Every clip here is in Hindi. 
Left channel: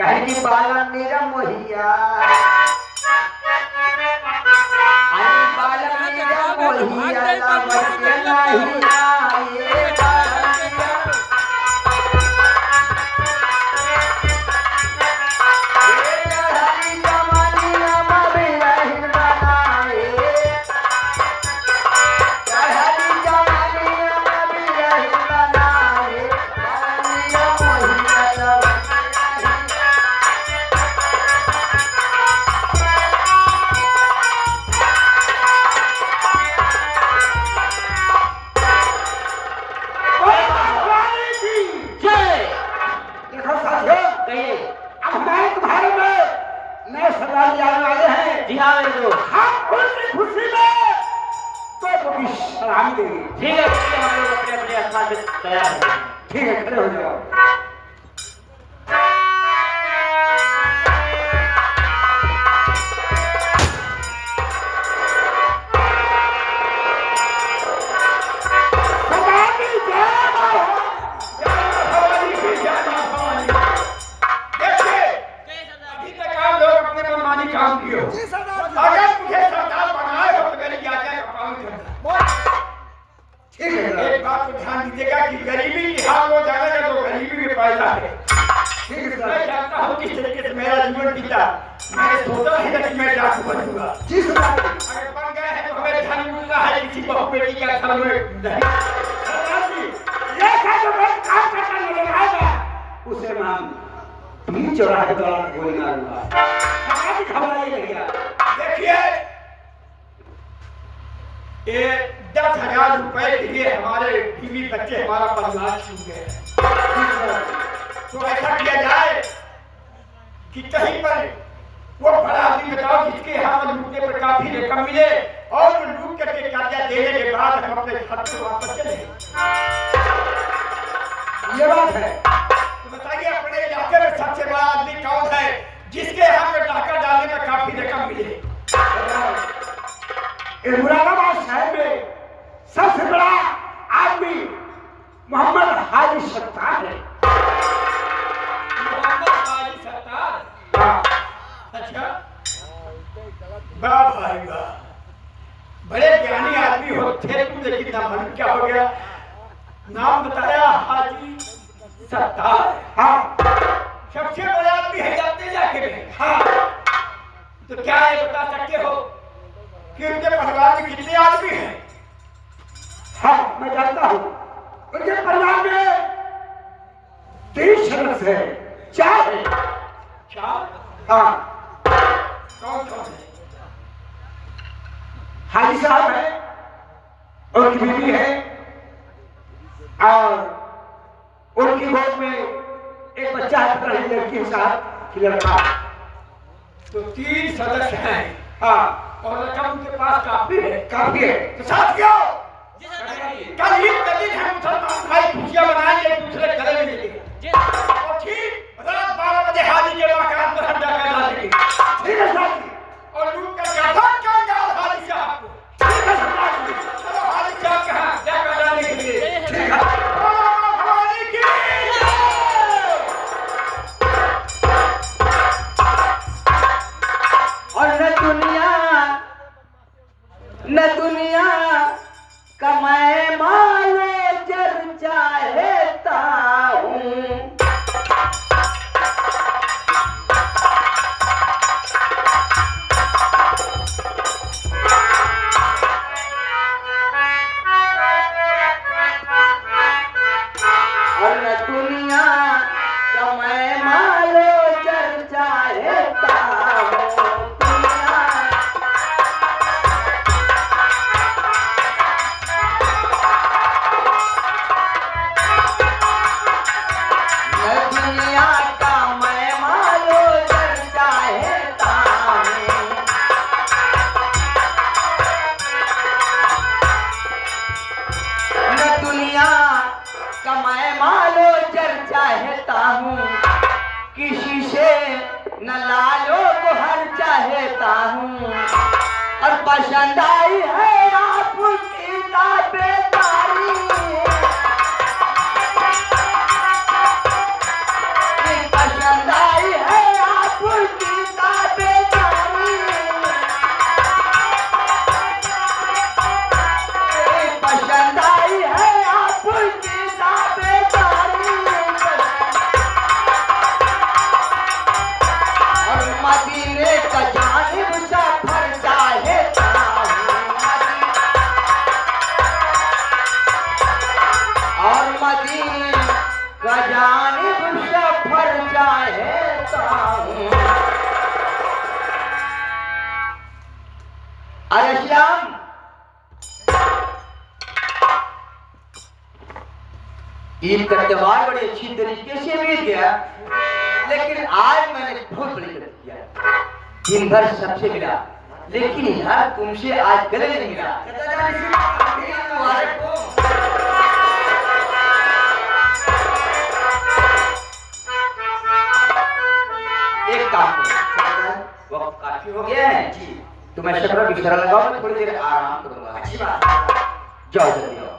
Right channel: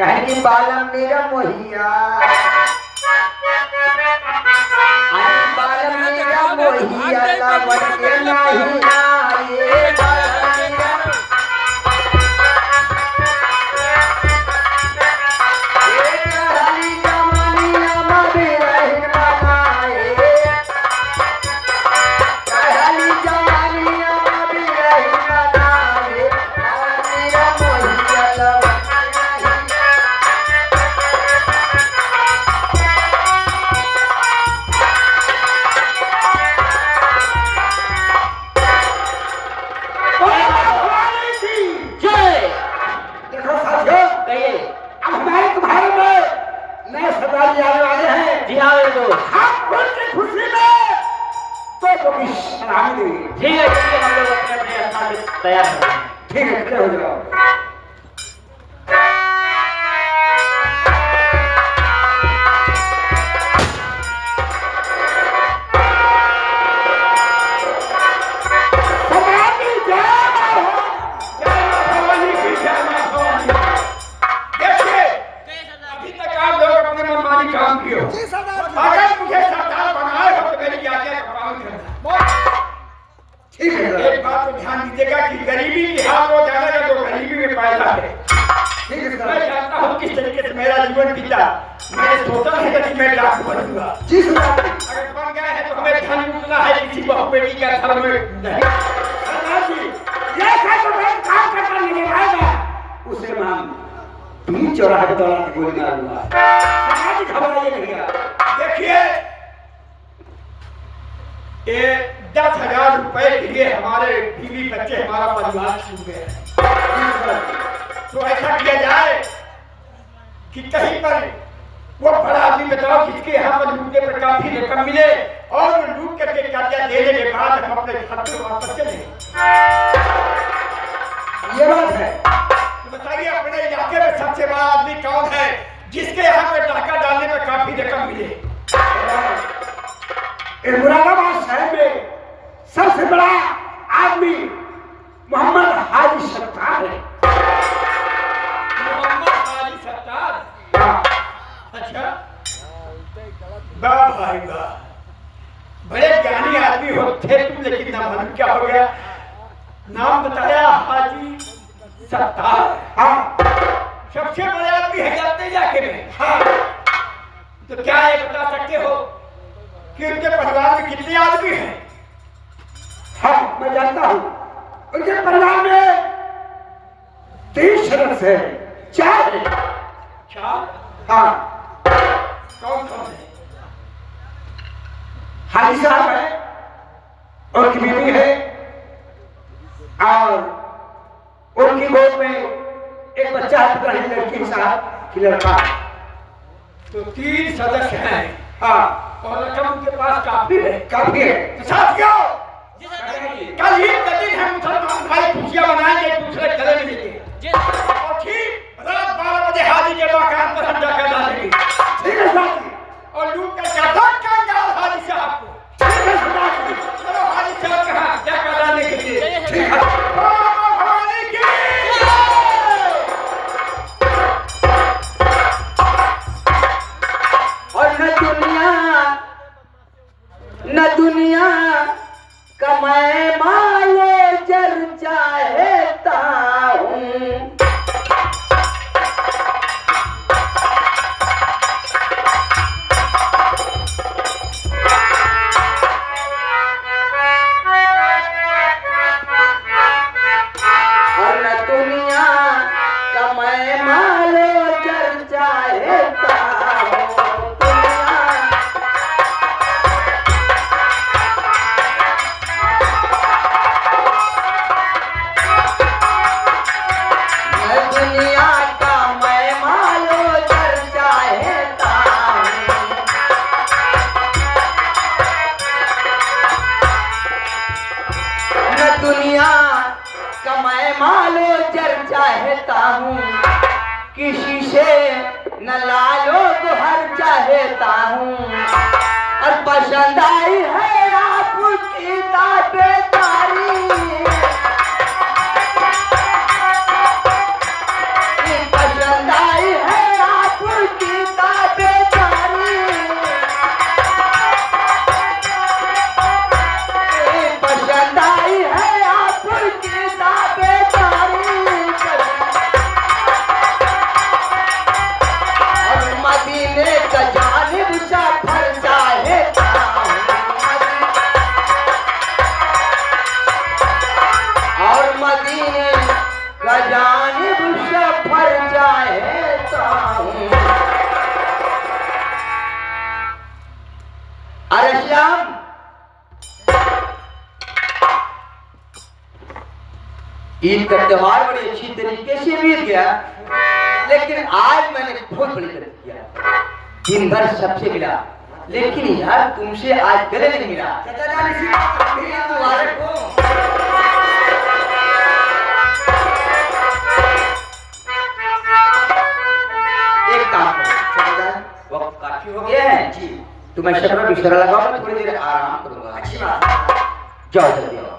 कहनी बालम मेरा मोहिया आई बालम मेरा मोहिया तैयार है। ठीक है हो जाओ। एक बात तो ध्यान दीजिएगा कि गरीबी की हाल हो जाना है तो गरीबी में पैदा है। मैं चाहता हूँ किस तरीके से मेरा जीवन बीता। मैंने सोचा है कि मैं डाकू बनूंगा। अगर बन गया है तो हमें धन मिलना है किसी बहु बेटी का घर में उसे नाम 3 चौराहे पर गोली मारूंगा। देखिए ये 10,000 रुपए के लिए हमारे बीवी बच्चे हमारा परिवार छूट गए हैं। तो ऐसा किया जाए कि कहीं पर वो बड़ा आदमी बताओ जिसके यहाँ पर लूटने पर काफी रकम मिले और लूट करके कर्जा देने के बाद हम अपने घर को वापस चले। ये बात है। तो बताइए अपने इलाके में सबसे बड़ा आदमी कौन है जिसके यहाँ पे डाका डालने में काफी रकम मिले? मुरादाबाद शहर में सबसे बड़ा आदमी मोहम्मद हाजी सत्तार है। मोहम्मद हाजी सत्तार? अच्छा वाह भाई वाह, बड़े ज्ञानी आदमी होते तुम, लेकिन नाम क्या हो गया? नाम बताया हाजी सत्तार। हाँ सबसे बड़े आदमी है अपने इलाके में। हाँ तो क्या ये बता सकते हो कि उनके परिवार में कितने आदमी हैं? हाँ मैं जानता हूँ। उनके परिवार में 3 सदस्य हैं। 4 हैं। 4? हाँ कौन कौन है? हाजी साहब है, उनकी बीवी है और उनकी गोद में एक बच्चा है, लड़की साहब की लड़का। तो 3 सदस्य हैं। हाँ और रकम उनके पास काफी है। काफी है। तो साथियों कल ईद का दिन है, मुसलमान भाई खुशियां मनाएंगे, एक दूसरे गले मिलेंगे और ठीक रात 12 बजे हाजी के मकान पर हम जाकर डालेंगे। ठीक है साथी। और लूट कर क्या करेंगे हाजी साहब को? ठीक है साथी। चलो हाजी साहब कहाँ जाकर डालने के लिए। ठीक है। न दुनिया कमाए माले जर चाहता हूँ, ईद का त्योहार बड़ी अच्छी तरीके से बीत गया, लेकिन आज मैंने बहुत बड़ी गलती किया। दिन भर सबसे मिला, लेकिन यार तुमसे आज गले नहीं मिला। मुबारक हो। एक काम करो, वक्त काफी हो गया है जी, तुम्हें शक्कर बिस्तर लगाओ, मैं थोड़ी देर आराम करूंगा। अच्छी बात है। जाओ जल्दी आओ।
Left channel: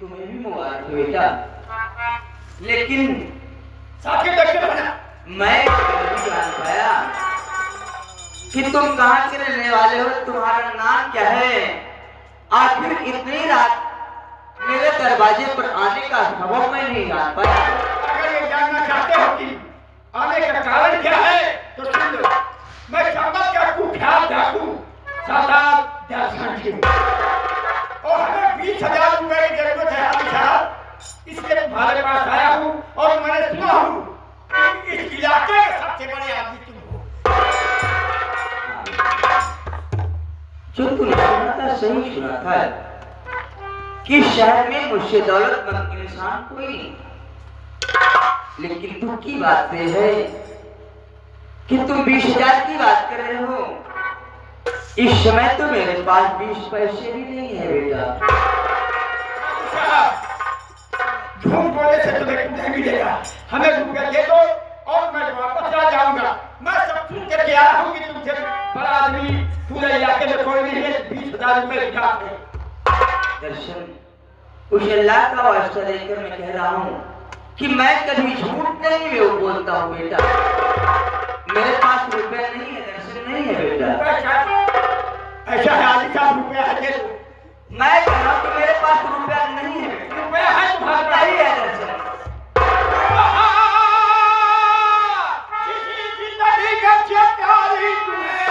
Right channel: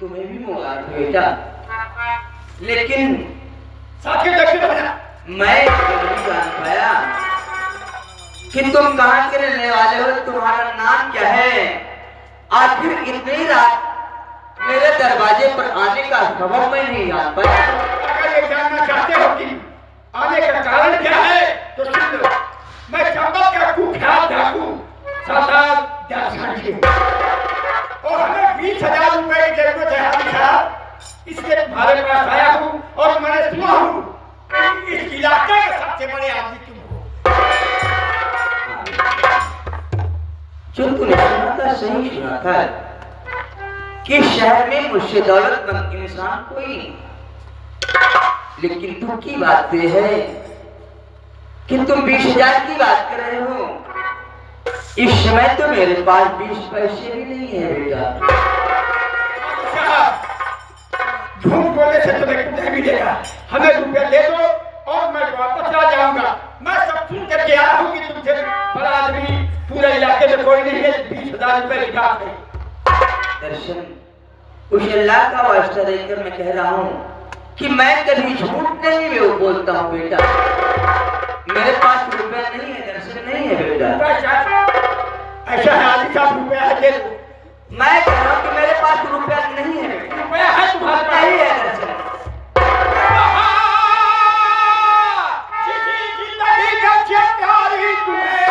तुम्हें भी मुबारक बेटा, लेकिन मैं नहीं जान पाया कि तुम कहाँ के रहने वाले हो, तुम्हारा नाम क्या है। आखिर इतनी रात मेरे दरवाजे पर आने का सबब मैं नहीं जान पाया। अगर ये जानना चाहते हो कि आने का कारण क्या है तो सुन लो। मैं चंबल का कुख्यात डाकू सरदार दयाल सिंह और हमें 20,000 रुपए की जरूरत है हाजी साहब, इसलिए तुम्हारे पास आया हूँ और मैंने सुना हूँ कि इस इलाके के सबसे बड़े आदमी तुम हो। जो तुमने सुना था सही सुना था कि शहर में मुझसे दौलतमंद इंसान कोई नहीं, लेकिन दुख की बात यह है कि तुम 20,000 की बात कर रहे हो। इस समय तो मेरे पास 20 पैसे भी नहीं है बेटा। झूठ बोलने से तुम्हें कुछ नहीं मिलेगा, हमें रुपया दे दो और मैं वापस आ जाऊंगा। मैं सब सुन करके आया हूँ कि तुमसे बड़ा आदमी पूरे इलाके में कोई नहीं है। 20,000 रुपए निकाल दो। दर्शन, उस अल्लाह का वास्ता देकर मैं कह रहा हूँ कि मैं कभी झूठ नहीं बोलता हूँ बेटा। मेरे पास रुपया नहीं है दर्शन, नहीं है बेटा। ऐसा है आदि का रुपया है दे दो। मैं कह रहा हूँ कि मेरे पास रुपया नहीं है बेटा। रुपया है तुम्हारा नहीं है दर्शन। किसी जिंदगी का क्या प्यार ही तुम्हें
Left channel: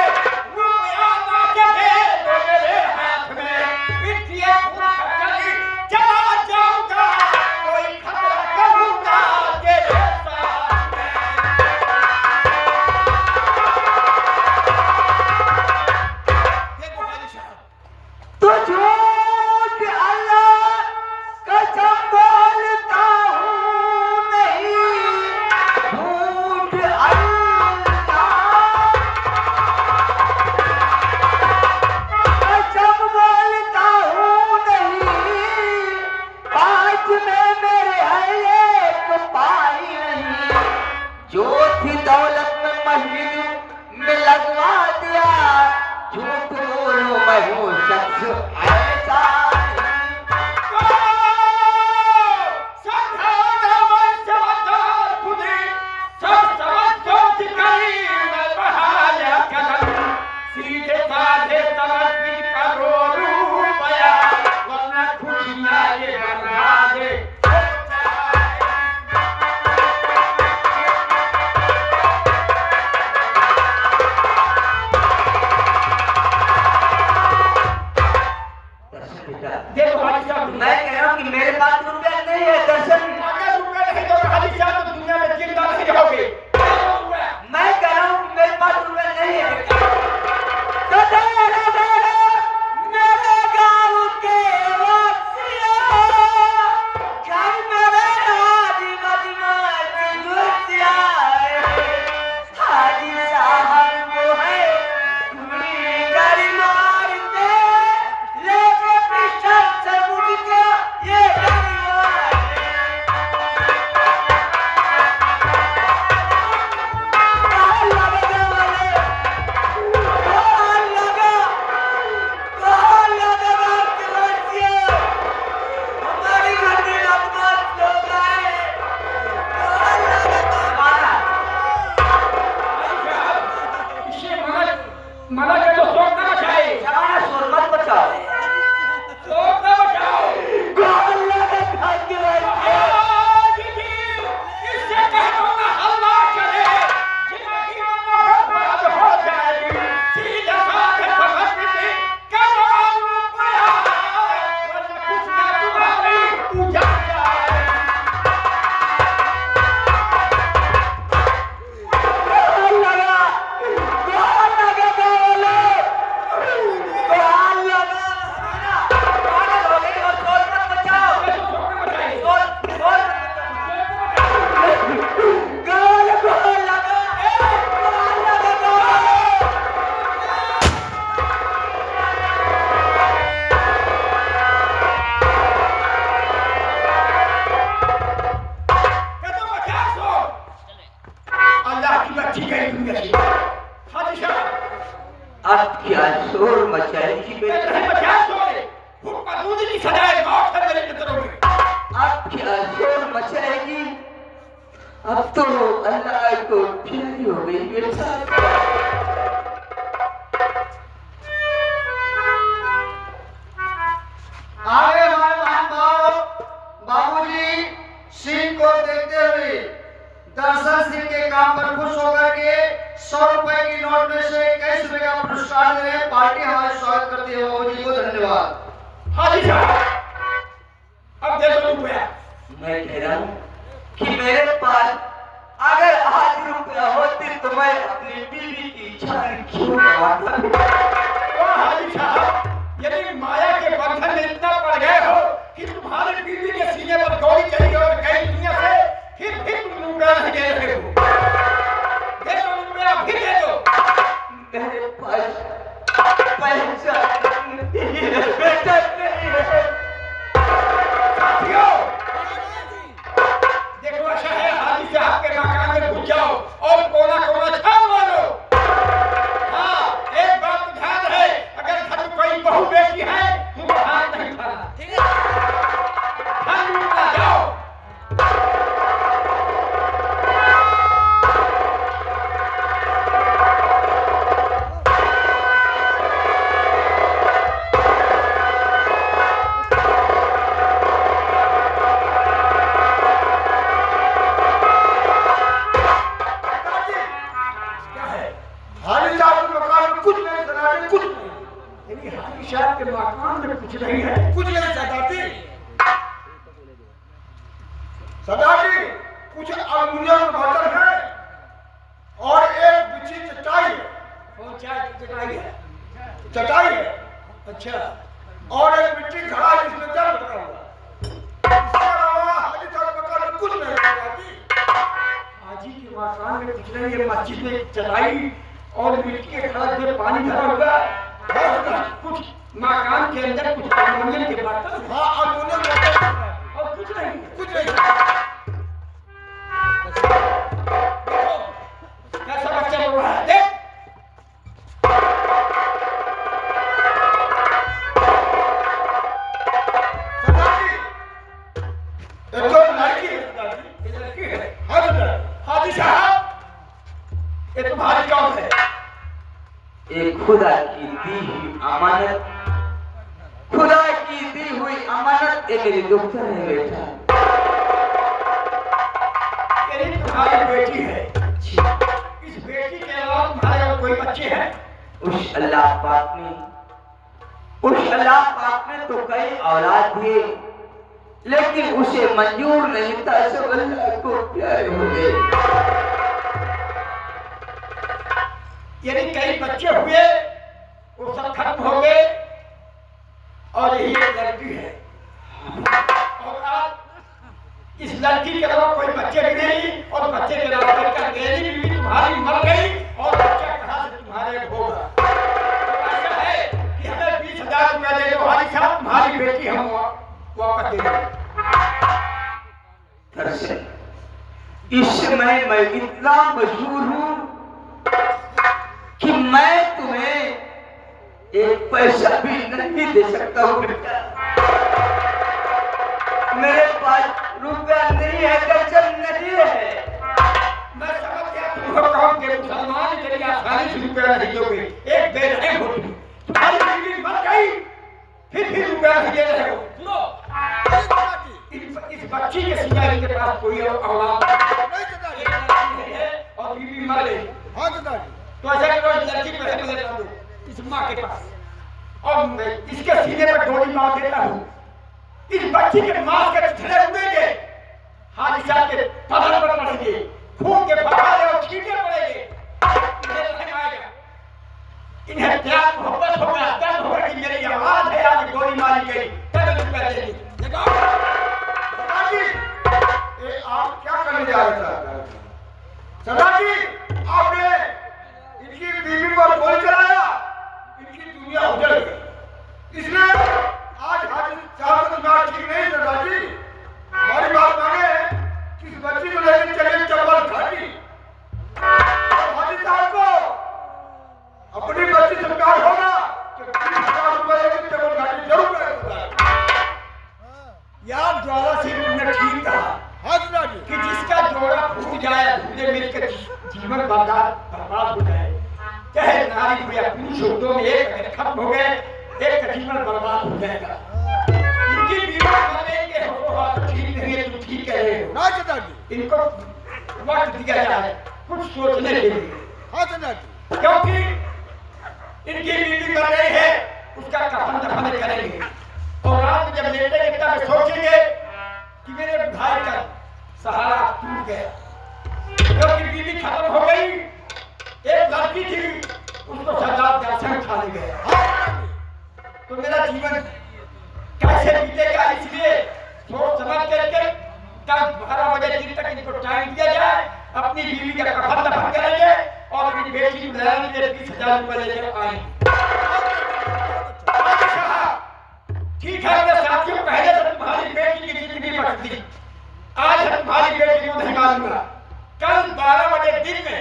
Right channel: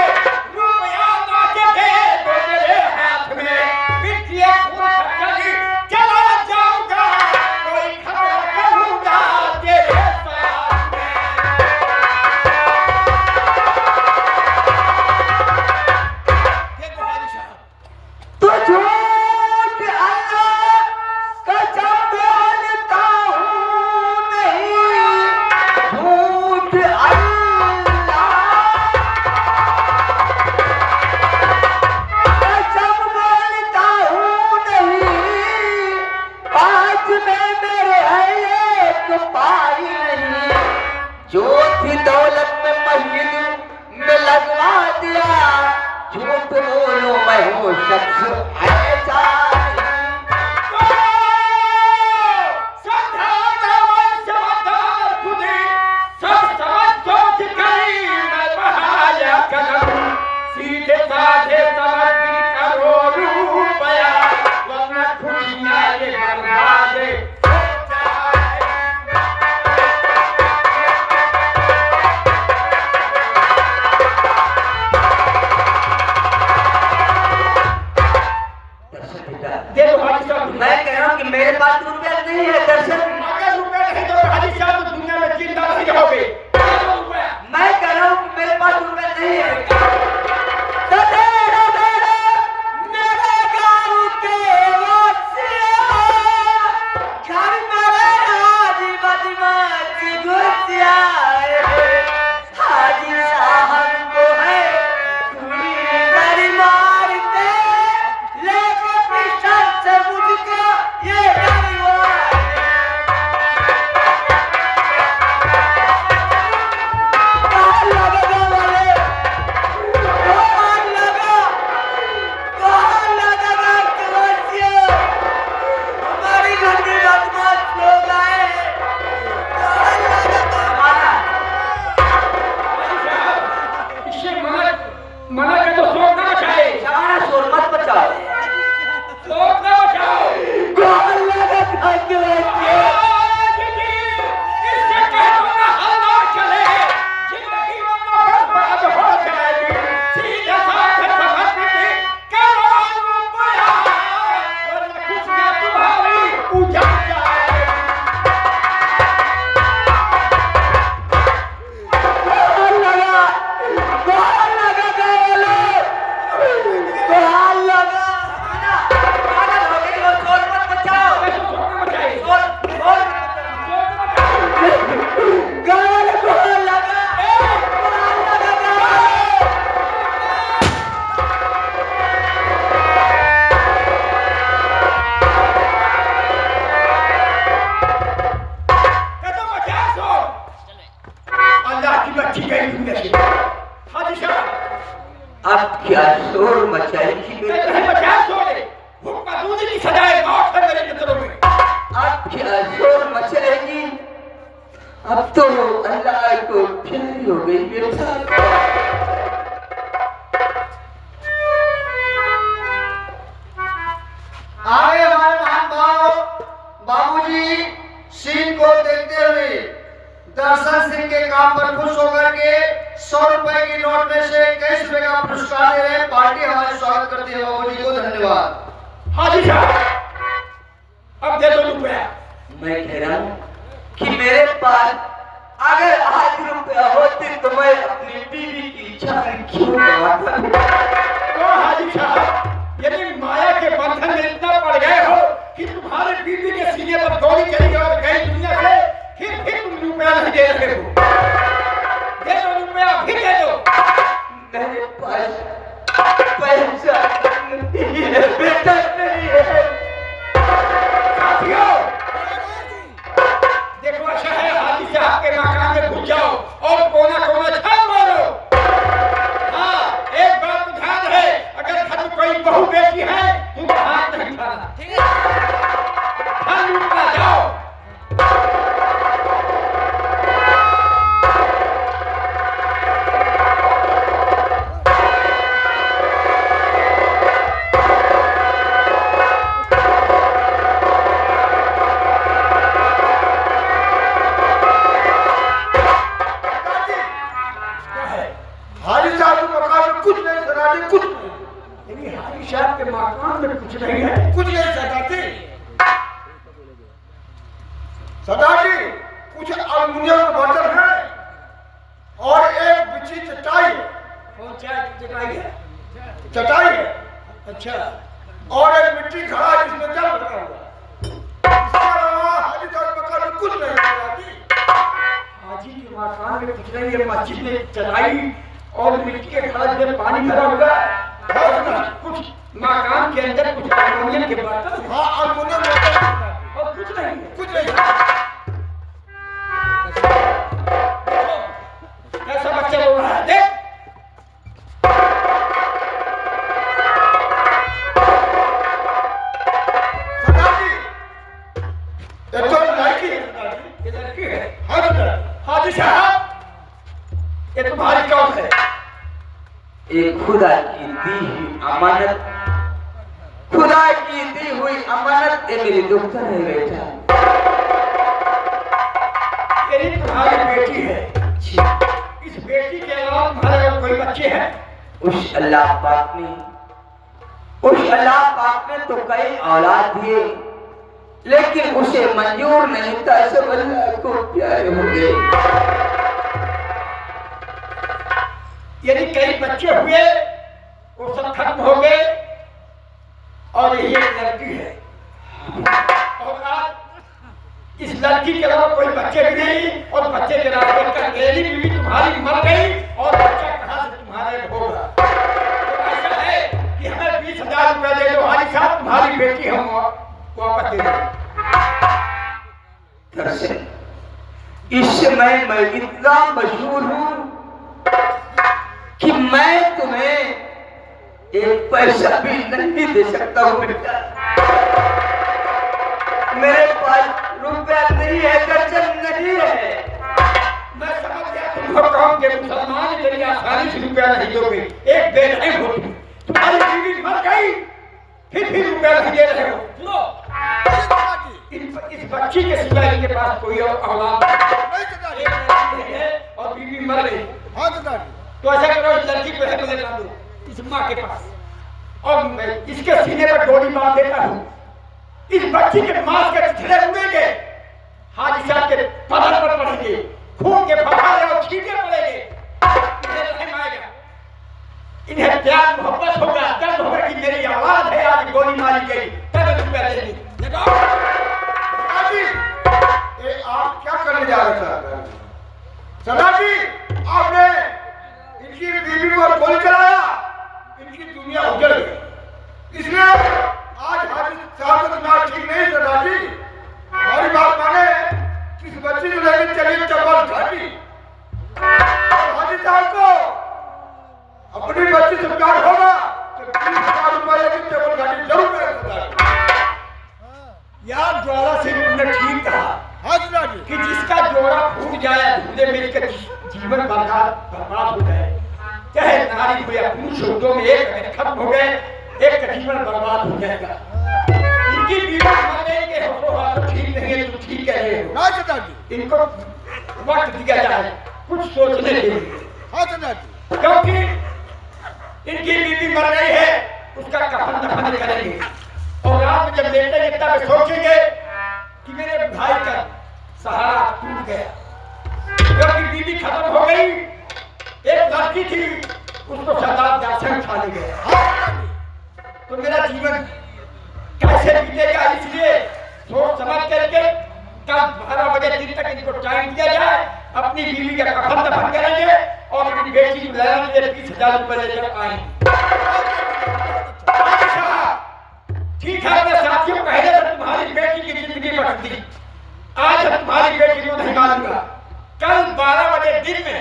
रुपया ना के दे दो मेरे हाथ में। पिटिए खून चली चला जाऊंगा, कोई खबर करूंगा तेरे साथ में। देखो हाजी साहब, तो झूठ अल्लाह का नहीं है दर्शन। अगर रुपए नहीं तो हाजी साहब तो दुनिया में जिंदा नहीं रहोगे। मैं कह रहा हूँ कि मेरे पास रुपए नहीं है। तो तेरे मेरे गाँव के वासियों, घर मेरे हाजी बदमाश घुसिया है। हाजी साहब को है पूरी गाड़ी मारते, लेके पिस्टल से मुझको ये गाड़ी मारे। मना के तो शोर ना बचाए। सारा शोर मत बचाओ। शोर ना बचाओ। गाल लगा खा के लाए। इससे कह दो ना हलवा चले, जिंदगी बर्बाद हो जाएगी। सीधे साधे समझ लीजिए, करो बड़ा, वरना कुछ में तुम्हारी उजाड़ जाएगी। अब क्या शोर मचाएगी मेरे? अब क्या शोर मचाएगी? अब तो अल्लाह को प्यारी हो गई मेरे साथ। आगे हमारे महानुभाव बाबूजी सिंह को देखते हुए दर्शन सिंह के काम पर खुश होकर के 100 रुपए की नोट में से 21 रुपए का पुरस्कार दे रहे पार्टी हमारा स्वागत करती है। बाबूजी को धन्यवाद। हाजी साहब अब दे दो रुपया। मैं कह रहा हूँ कि मेरे पास अगर आज रुपया होते तो मैं अपनी बीवी की इच्छा क्यों करवाता? तो हाजी साहब यदि माया के बंधन में इतना पड़ गए हो कि तुम्हारे बीवी के सीने पर गोली चली गई और गई दुनिया से, फिर तुम रुपया नहीं दे रहे हो। दे दो रुपया, फिर दे दो। मेरे पास पैसा नहीं है, बेटा नहीं है। साथियों देखो अच्छा है, हाजी साहब के मकान में घुस जाओ और कोना कोना छान मारो। हाँ एक बात ध्यान है, अगर घर में कोई बहू बेटी है तुम हाथ नहीं उठाना। हाथ उठा जाओ। हाजी साहब के मकान में कुछ नहीं सदाती, कुछ नहीं। लेकिन हाजी साहब के मकान में कुछ नहीं है। कुछ नहीं सदाती। सदाती कुछ अल्मुनियम का बर्तन है और एक बिछी चटाई है। कौन सा चटाई है? चटाई है अच्छा। और एक मिट्टी घड़ा जिसमें जल रखा हुआ। इसके अलावा हाजी साहब के मकान में कुछ नहीं सदाती। हाजी के मकान में कुछ नहीं है, मस्जिद में चटाई और मिट्टी के घड़ा में पानी भरा हुआ है। कुछ मकान के अंदर कुछ अल्मुनियम के बर्तन हाँ अल्मुनियम बर्तन और कुछ नहीं है। कुछ नहीं। कैसा बच्चा बोल रहा है देख। सदाती ये तो लड़की है सदाती। ये लड़की है। हाँ सदाती। हाजी साहब ये तुम्हारी कौन है? ये खुदा की दी हुई अमानत, खुदा की दी हुई अमानत ये मेरी दुख्तर है बेटा। ये तुम्हारी बेटी है। इस बेटी के अलावा तुम्हारे और कोई बच्चे हैं? उस अल्लाह पाक ने तो कई औलाद दिए, लेकिन उसे मंजूर नहीं था, सब अल्लाह को प्यारे हो गए। यदि कई बच्चे हुए वो सब खत्म हो गए और यही एक लड़की है, और आज इस लड़की के अलावा कोई बच्चे भी नहीं, और बच्चे के रास्ते कर गई बीवी तुम्हारी मर गई और बच्चा कहाँ से तुम्हारे होगा। तो ऐसा है कि हमें 20,000 रुपए दे दो, हमारी साथ तुम्हारी बेटी हम वापस दे दें। इस समय मैं इतना मशहूर हूँ कि मैं तुम्हें एक पैसा भी नहीं दे सकता हूँ बेटा। मेरे पास रुपया नहीं है, दर्जन नहीं है। मैं समझ गया तुमको कहोगे मुसलमान के लिए आसानी से रुपया नहीं दोगे, एक बेटी हो तुम्हारी बीवी मर गई फिर रुपया नहीं दे रहे हो। सुनो, इस बच्ची के सिवाय इनके पास कोई और औलाद नहीं है और बीवी मर गई। तो ऐसा करो, इस लड़की को ले जाओ इस माँ के पास, और मैं इसके सीने पर गोली मार देता हूँ। इस बच्ची के मांस के छिले उड़ेंगे, हाजी साहब के पलंग पर पड़ेंगे, खून के फव्वारे और छींटे पड़ेंगे। इन्हें रहम आएगा, इन्हें प्यार मोहब्बत होगा, दर्द होगा कि मेरी आवाज है आज गोली मारी गई, तब रुपया दे दी। लगाओ ये आप क्या करने जा रहे हैं? सरदार जी, आपने इनकी बीवी पर गोली चलाया, इनकी दुनिया उजड़ गई। इसलिए आज हाजी साहब का दिमाग ठीक नहीं। सरदार जी, हमारी बात माने, किस बच्ची को लेकर चली चप्पल घाटी, हाजी साहब को अपनी बच्ची से प्यार होगा तो 20,000 रुपए लेकर चप्पल घाटी जरूर करेगा। यार ज्वाला सिंह ने ठीक कहा कि जिसका जोड़ा फूट जाए, धुले मिलकर जीवन बर्बाद हो जाए, चाहे नारी हो या पुरुष हो, जो एक अगर खत्म हो गए, एक का जीवन बर्बाद हो जाएगा। इनकी बीवी मानेंगे हो तो ठीक नहीं है, तुम ठीक कह रहे हो। इनको वक्त दिया जाए कुछ सोचने के लिए, क्योंकि इनकी बीवी मर गई है, उसका कफन दफन करेंगे और रात में जब लेटेंगे तब सोचेंगे कि मेरे भाई का सहारा टूट गया, क्योंकि बीवी खत्म हो गई। एक लड़की थी, उसको सरदार दर्शन खा ले गया, तो मेरा जीवन कैसे बीतेगा। इसलिए सोच समझ करके कल 12 बजे दिन तक इनको टाइम दिया जाए, अपनी बीवी का कफन दफन करेंगे और अपनी बेटी को लेने के लिए 20,000 रुपए लेकर आएंगे। ठीक है अपने साथियों, पहले तो तुम्हारी बेटी की जिंदगी बच दी, आज तुम्हारी बेटी को नहीं मानूंगा। कल 12 बजे दिन में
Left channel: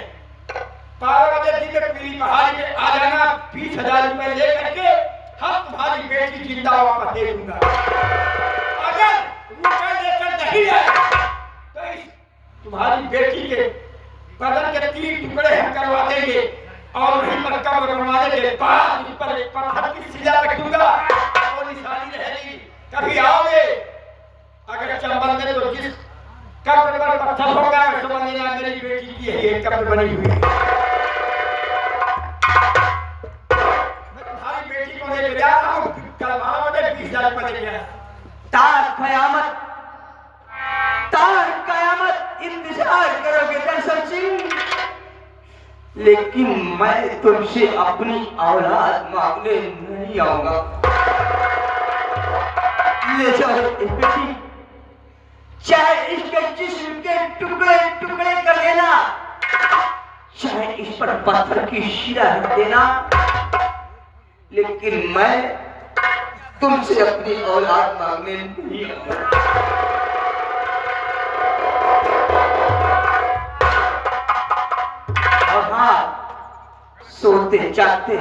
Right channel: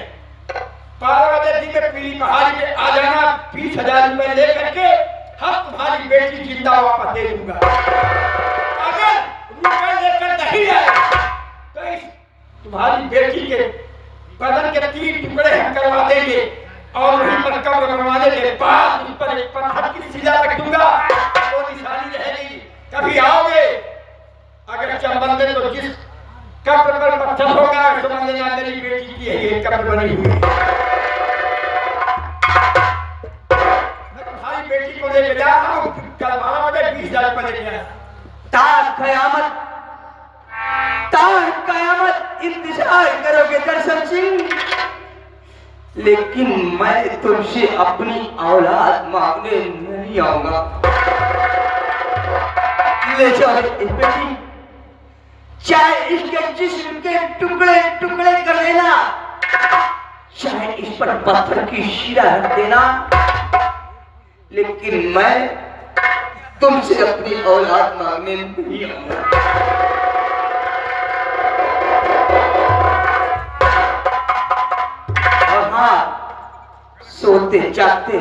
पीली पहाड़ी में आ जाना, 20,000 रुपए लेकर के हम तुम्हारी बेटी जिंदा वापस दे दूंगा। अगर रुपए लेकर नहीं आए तो इस तुम्हारी बेटी के बदन के 3 टुकड़े हम करवा देंगे और वहीं पर कब्र बनवाने के बाद उस पर एक पत्थर की शिला रख दूंगा, वो निशानी रहेगी। कभी आओगे अगर चंबल में तो जिस कब्र पर पत्थर होगा समझ लेना मेरी बेटी की है ये कब्र बनी हुई है। मैं तुम्हारी बेटी को लेकर जा रहा हूँ, कल 12 बजे 20,000 रुपए लेके आया। क़यामत इंतजार करोगे दर्शन सिंह, लेकिन मैं तुमसे अपनी औलाद मांगने नहीं आऊंगा। ले जाओ इस बेटी, चाहे इसके जिस्म के टुकड़े टुकड़े कर देना, चाहे इस पर पत्थर की शिला रख देना, लेकिन मैं तुमसे अपनी औलाद मांगने नहीं आऊंगा। और हाँ, सोते जागते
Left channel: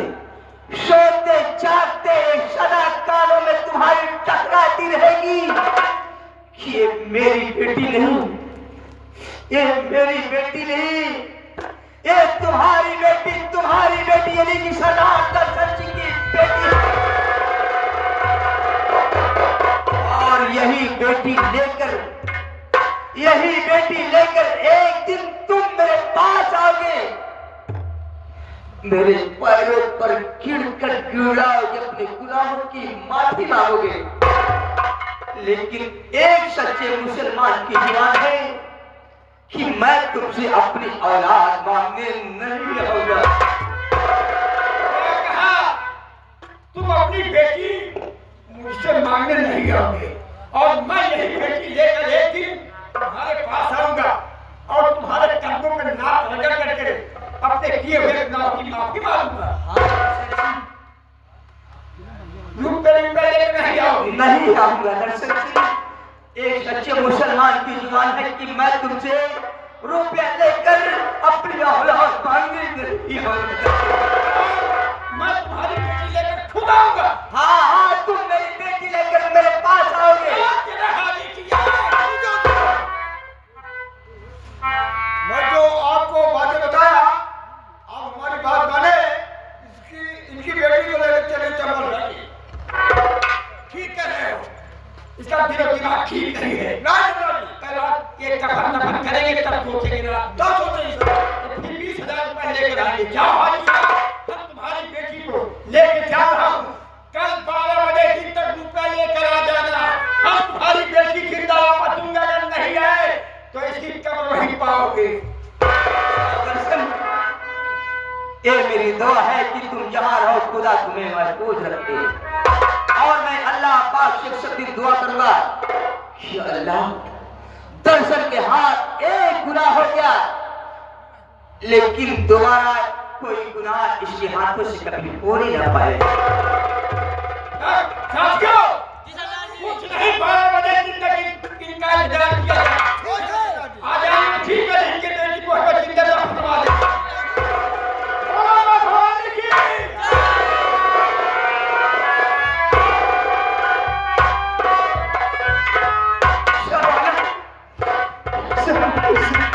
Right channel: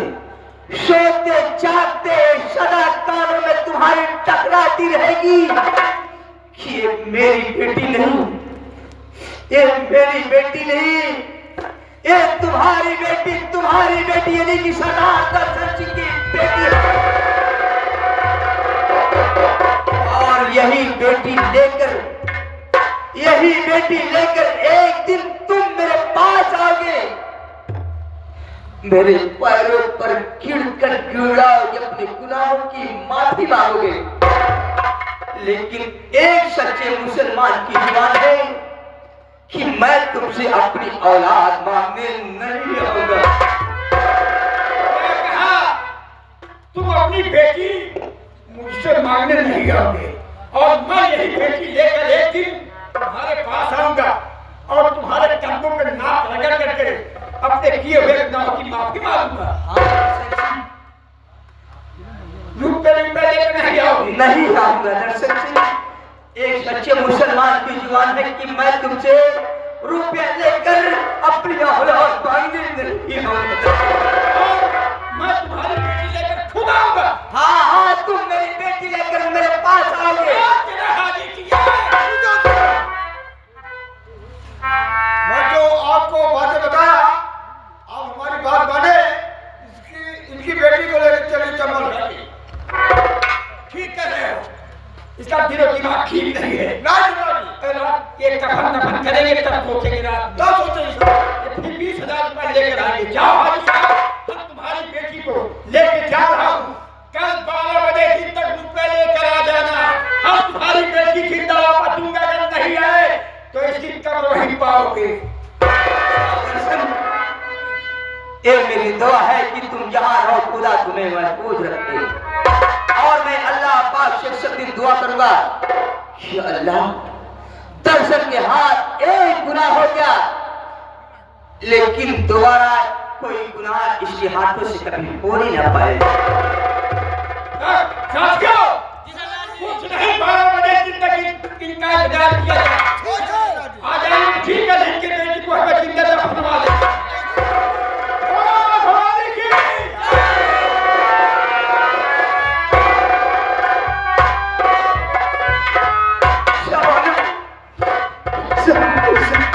सदा कानों में तुम्हारी टकराती रहेगी कि ये मेरी बेटी नहीं, ये मेरी बेटी नहीं, ये तुम्हारी बेटी यानी कि सरदार दर्शन सिंह की बेटी है। और यही बेटी लेकर एक दिन तुम मेरे पास आओगे, मेरे पैरों पर गिरकर गिड़ाओगे, अपने गुनाहों की माफी मांगोगे, लेकिन एक सच्चे मुसलमान की जुबान है कि मैं तुमसे अपनी औलाद मांगने नहीं आऊंगा। तुम अपनी बेटी मुझसे मांगने नहीं आओगे और मैं यही बेटी लेकर एक दिन तुम्हारे पास आऊंगा और तुम्हारे कदमों में नाक रगड़ करके अपने किए हुए गुनाहों की माफी मांगूंगा। रुपये लेकर नहीं आओगे? नहीं आऊंगा दर्शक सिंह। एक सच्चे मुसलमान की जुबान है कि मैं तुमसे रुपया लेकर अपनी औलाद मांगने नहीं आऊंगा। मैं तुम्हारी बेटी लेकर खुद आऊंगा। हाँ हाँ, तुम मेरी बेटी लेकर मेरे पास आओगे। मैं जो आपको बातें बताया, आप हमारी बात माने, इनकी बेटी को लेकर चले चंबल घाटी। ठीक कह रहे हो, इसका दिमाग ठीक नहीं है। ये कफन नफन करेंगे तब सोचेंगे रात 10 होते हैं। फिर 20,000 रुपए लेकर आगे जाओ। हम तुम्हारी बेटी को लेके जा रहा हूँ, कल 12 बजे दिन तक रुपया लेकर आ जाना। हम तुम्हारी बेटी की दावा दूंगा, अगर नहीं आए तो इसकी कब्र नहीं पाओगे। ये मेरी दुआ है कि तुम जहाँ रहो पूरा तुम्हें महफूज रखे, और मैं अल्लाह पाक से सच्ची दुआ करूंगा, या अल्लाह दर्शन के हाथ एक गुनाह हो गया, लेकिन दोबारा कोई गुनाह इसके हाथों से कभी हो नहीं ना पाए। साथियों, कुछ नहीं, 12 बजे दिन तक इनका इंतजार किया जाए। आ जाएंगे, ठीक है, इनके बेटी को हमें जिंदा दफनवा दें। Thank you.